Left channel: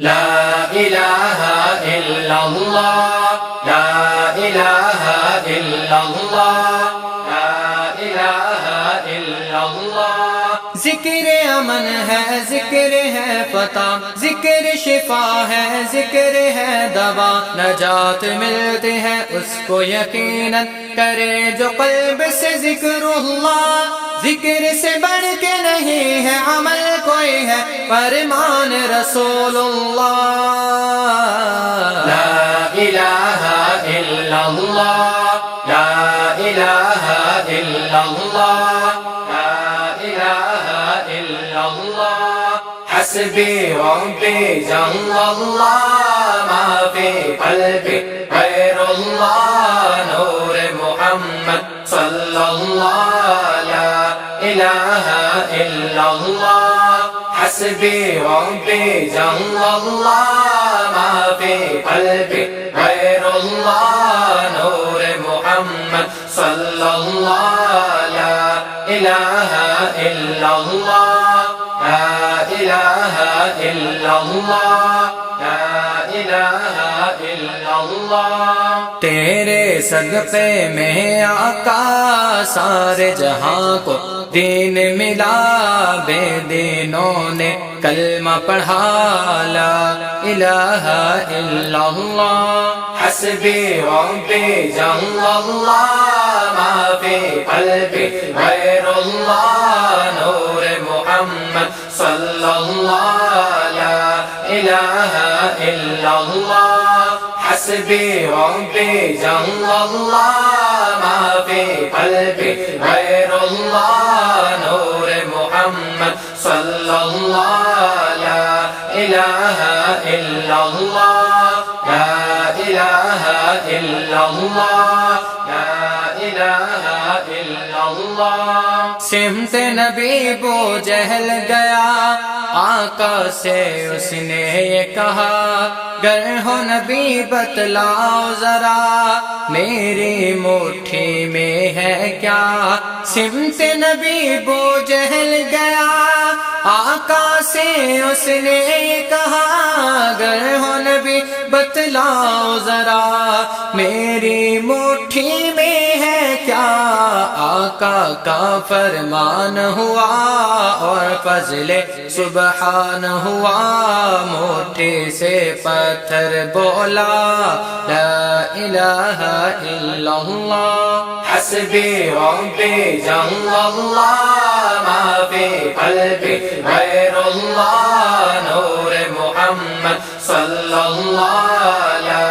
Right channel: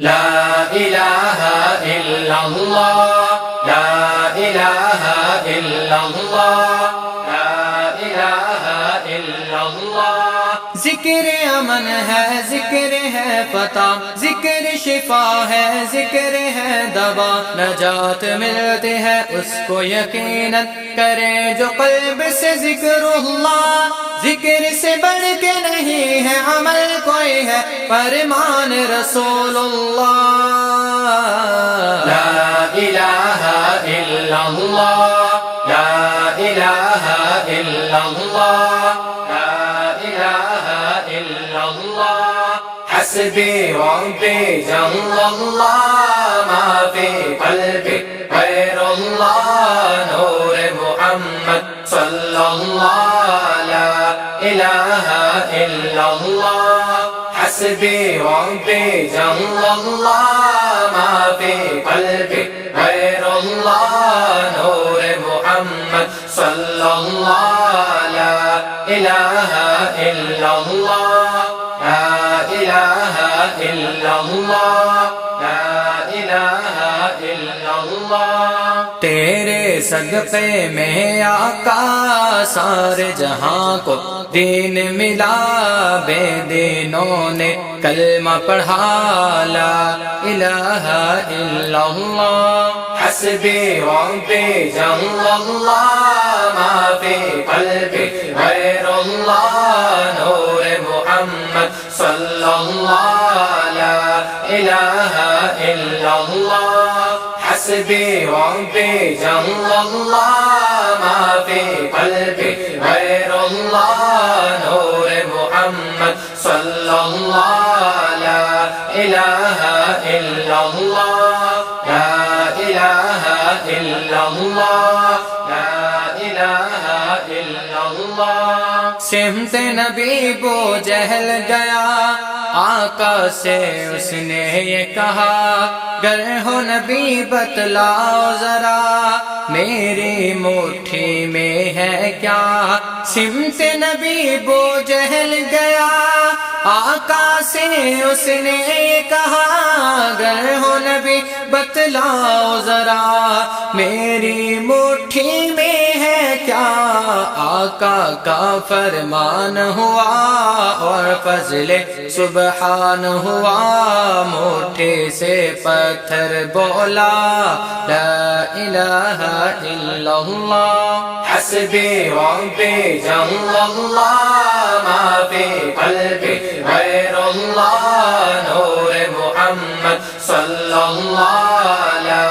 لا إله إلا الله لا إله إلا الله لا إله إلا الله ذکر امن ہے ذکر ہے فتح ذکر شفا ہے ذکر ہے دوا نجات ملتی ہے اس کو یقیناً کرے جو قلب سے ذکر اللہ ذکر سے بڑھ کے نہیں ہے عمل کوئی ہے فرمان رسول اللہ لا الہ الا اللہ لا الہ الا اللہ لا الہ الا اللہ حسبی ربی جل اللہ ما فی قلبی غیر اللہ نور محمد صلی اللہ لا الہ الا اللہ حسبی ربی جل اللہ ما فی قلبی غیر اللہ نور محمد صلی اللہ لا الہ الا اللہ لا الہ الا اللہ لا الہ الا اللہ تیرے صدقے میں آقا سارے جہاں کو دین ملا بے دینوں نے کلمہ پڑھا لا الہ الا اللہ حسبی ربی جل اللہ ما فی قلبی غیر اللہ نور محمد صلی اللہ لا الہ الا اللہ حسبی ربی جل اللہ ما فی قلبی غیر اللہ نور محمد صلی اللہ لا الہ الا اللہ لا الہ الا اللہ لا الہ الا اللہ سمت نبی بو جہل گیا آقا سے اس نے یہ کہا گر ہو نبی بتلاؤ ذرا میری مٹھی میں ہے کیا سمت نبی بو جہل گیا آقا سے اس نے یہ کہا گر ہو نبی بتلاؤ ذرا میری مٹھی میں ہے کیا آقا کا فرمان ہوا اور فضل سبحان ہوا مٹھی سے پتھر بولا لا الہ الا اللہ حسبی ربی جل اللہ ما فی قلبی غیر اللہ نور محمد صلی اللہ لا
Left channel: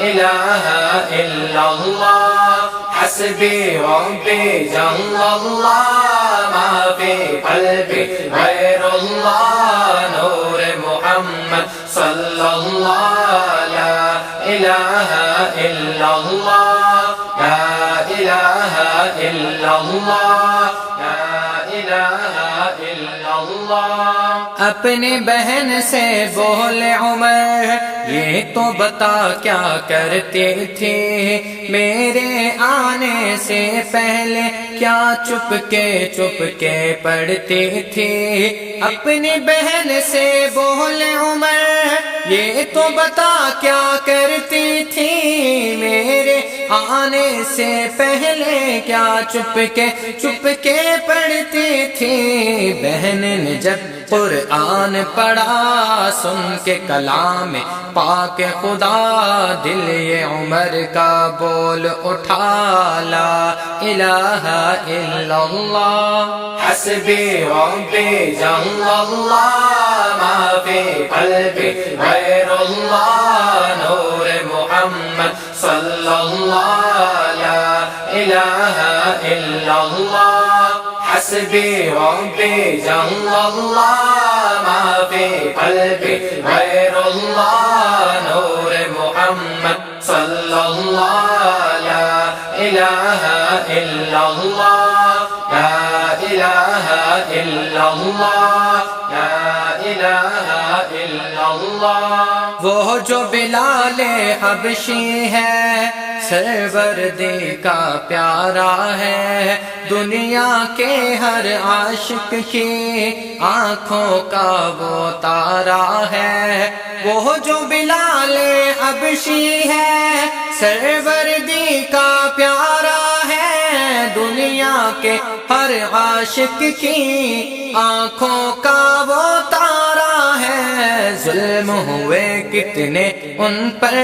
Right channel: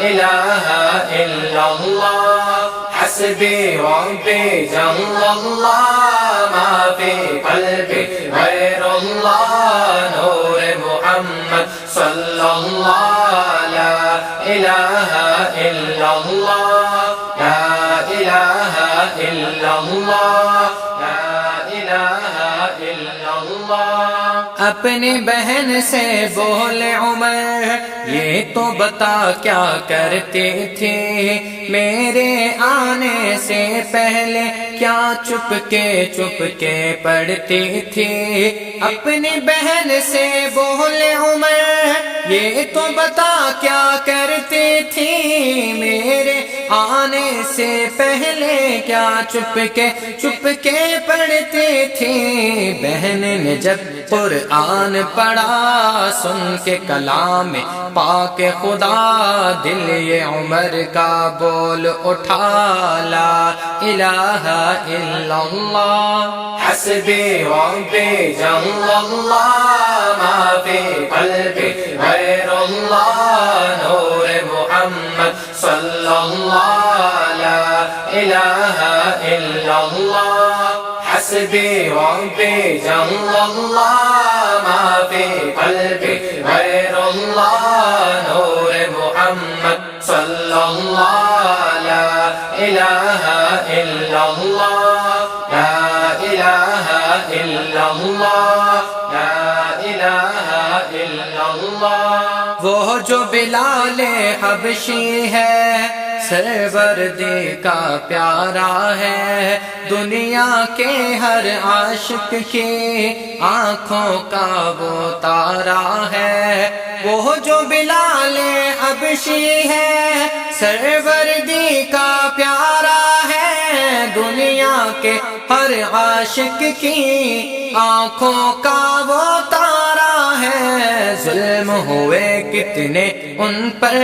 الہ الا اللہ حسبی ربی جل اللہ ما فی قلبی غیر اللہ نور محمد صلی اللہ لا الہ الا اللہ لا الہ الا اللہ لا الہ الا اللہ اپنی بہن سے بولے عمر یہ تو بتا کیا کرتے تھے میرے آنے سے پہلے کیا چپ کے پڑھتے تھے اپنی بہن سے بولے عمر یہ تو بتا کیا کرتے تھے میرے آنے سے پہلے کیا چپ کے پڑھتے تھے بہن نے جب قرآن پڑھا سن کے کلام پاک خدا دل یہ عمر کا بول اٹھا لا الہ الا اللہ حسبی ربی جل اللہ ما فی قلبی غیر اللہ نور محمد صلی اللہ لا الہ الا اللہ حسبی ربی جل اللہ ما فی قلبی غیر اللہ نور محمد صلی اللہ لا الہ الا اللہ لا الہ الا اللہ لا الہ الا اللہ وہ جو بلال حبشی ہے سروردی کا پیارا ہے، دنیا کے ہر عاشق کی آنکھوں کا وہ تارا ہے۔ وہ جو بلال حبشی ہے سروردی کا پیارا ہے، دنیا کے ہر عاشق کی آنکھوں کا وہ تارا ہے۔ ظلم ہوئے کتنے ان پر،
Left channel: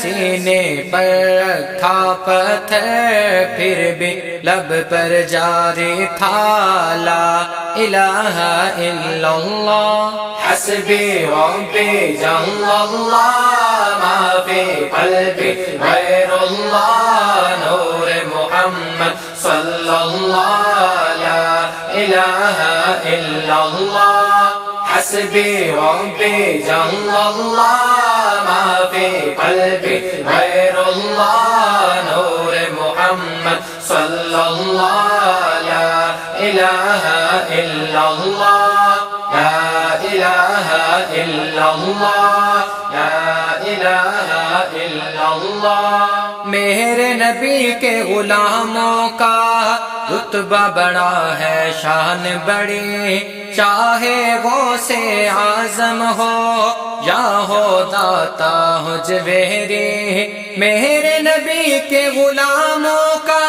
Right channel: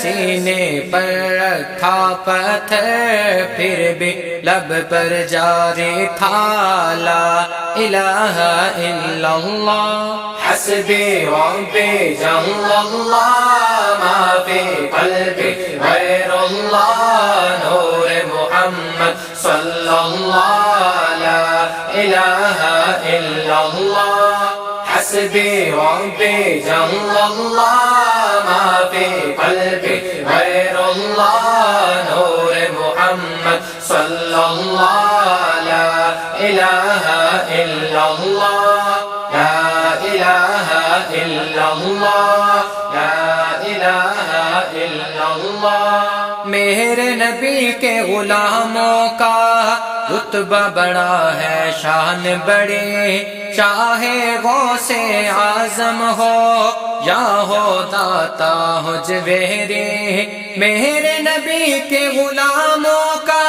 سینے پر رکھا پتھر، پھر بھی لب پر جاری تھا لا الہ الا اللہ۔ حسبی ربی جل اللہ، ما فی قلبی غیر اللہ، نور محمد صلی اللہ، لا الہ الا اللہ۔ حسبی ربی جل اللہ، ما فی قلبی غیر اللہ، نور محمد صلی اللہ، لا الہ الا اللہ، لا الہ الا اللہ، لا الہ الا اللہ۔ میرے نبی کے غلاموں کا رتبہ بڑا ہے، شان بڑی، چاہے غوث اعظم ہو یا ہو داتا حجویری۔ میرے نبی کے غلاموں کا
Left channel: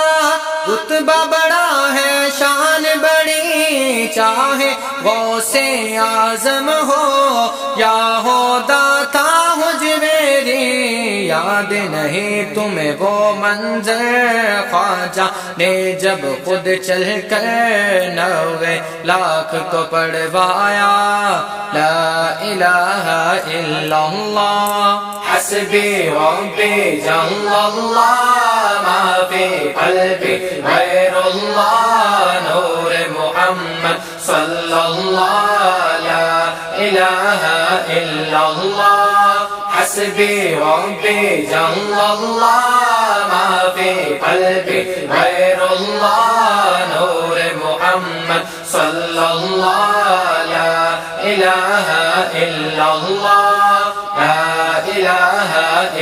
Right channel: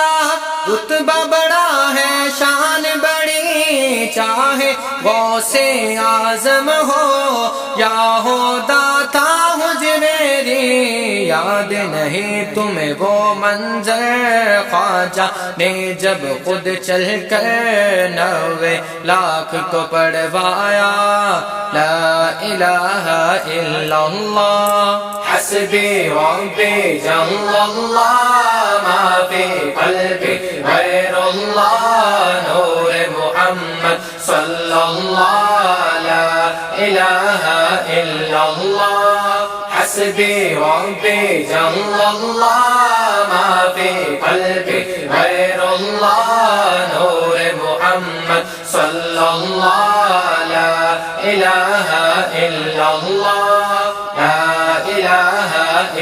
رتبہ بڑا ہے، شان بڑی، چاہے غوث اعظم ہو یا ہو داتا حجویری۔ یاد نہیں تمہیں وہ منظر خواجہ نے جب خود چل کر 90 لاکھ کو پڑھوایا، لا الہ الا اللہ۔ حسبی ربی جل اللہ، ما فی قلبی غیر اللہ، نور محمد صلی اللہ، لا الہ الا اللہ۔ حسبی ربی جل اللہ، ما فی قلبی غیر اللہ، نور محمد صلی اللہ، لا الہ الا اللہ، لا الہ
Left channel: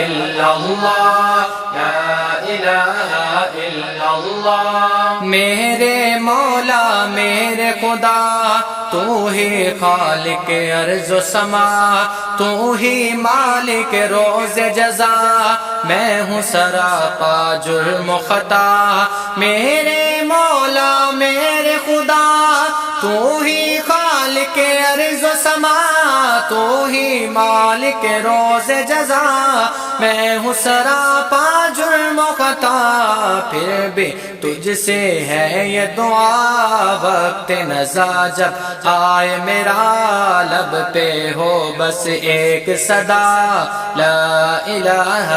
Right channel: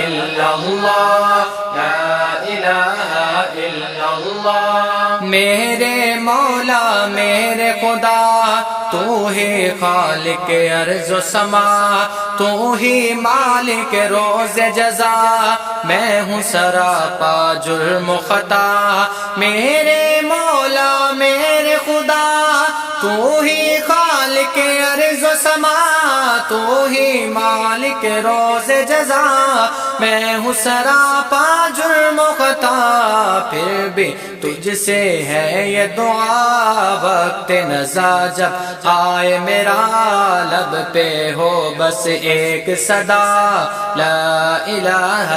الا اللہ، لا الہ الا اللہ۔ میرے مولا میرے خدا، تو ہی خالق ارض و سما، تو ہی مالک روز جزا، میں ہوں سراپا جرم و خطا۔ میرے مولا میرے خدا، تو ہی خالق ارض و سما، تو ہی مالک روز جزا، میں ہوں سراپا جرم و خطا۔ پھر بھی تجھ سے ہے یہ دعا، وقت نزا جب آئے میرا، لب پہ ہو بس ایک صدا، لا الہ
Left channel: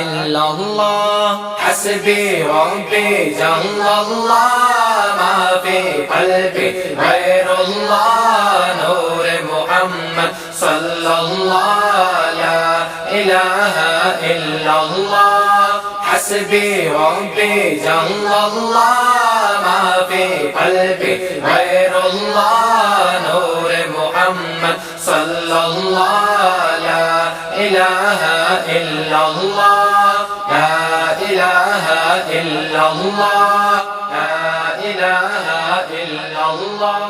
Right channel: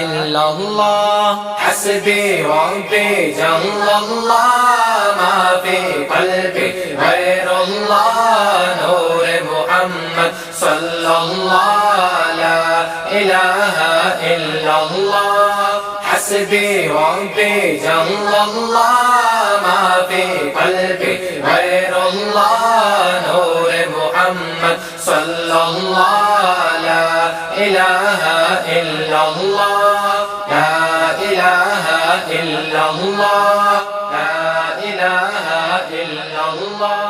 الا اللہ۔ حسبی ربی جل اللہ، ما فی قلبی غیر اللہ، نور محمد صلی اللہ، لا الہ الا اللہ۔ حسبی ربی جل اللہ، ما فی قلبی غیر اللہ، نور محمد صلی اللہ، لا الہ الا اللہ، لا الہ الا اللہ، لا الہ الا اللہ۔